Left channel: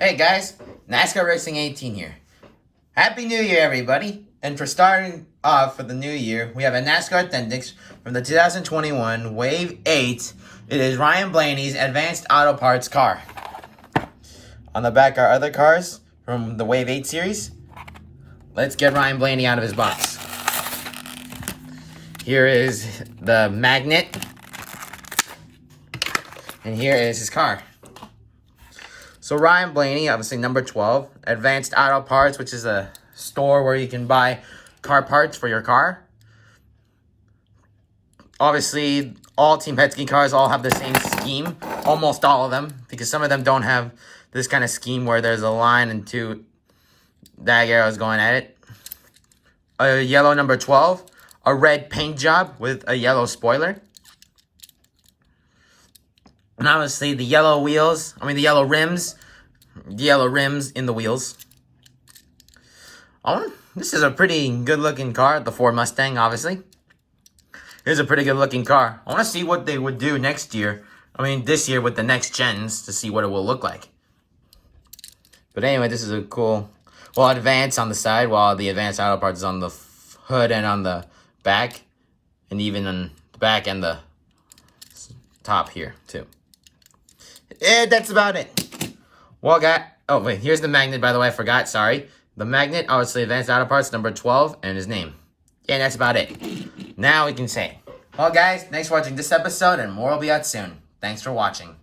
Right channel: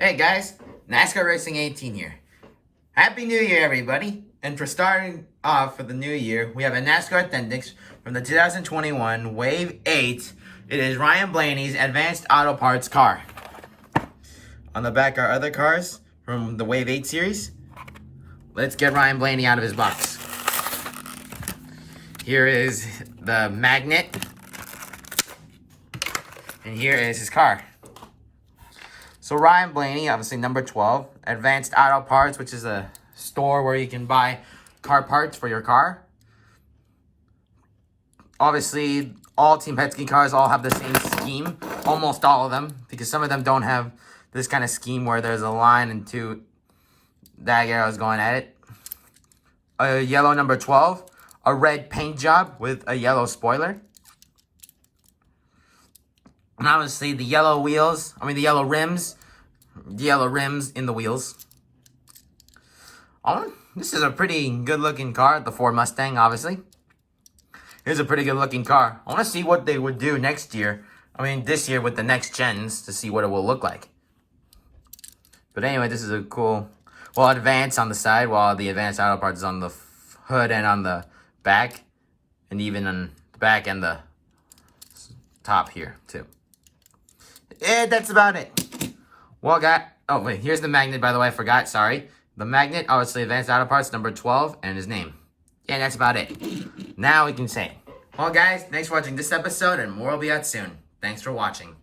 Hey guys, NASCAR Racing 18 here. Happy New Year, everybody. And for starting off for the new year, we have a NASCAR Authentics from the 2021 Wave 8. It is Ryan Blaney's Advanced Auto Parts car. On the back are other cars from the Wave 8 series. Let's get Ryan Blaney out of his box. Here is the magnet. And here is his car. So Ryan Blaney, obviously number 12, Advanced Auto Parts, which is a store where you can buy car parts for your car. Obviously, all Team Penske cars all have the same scheme, almost all of them, because some of them don't have this kind of scheme where there's a line and two dag arrows going at it. A yellow number 12, a red paint job with a yellow spoiler. And obviously the yellow rims in the wheels. This is a pretty good looking car, the Ford Mustang, obviously. Here's a pretty good looking car. I want to see what they would do next year. This year with the next gens to see what it will look like. But anyway, this is a cool, Advance on the side, while the Advanced Auto Parts is on the hood and on the back. And even on the back and the top here, too. That's about it. Here's the magnet, by the way, I forgot, sorry. The magnet, obviously, Advanced Auto Parts, number 12, and his name. Yeah, that's about it. Now we can say. Well, guys, thanks for watching this episode, and more will be out soon. Thanks for watching.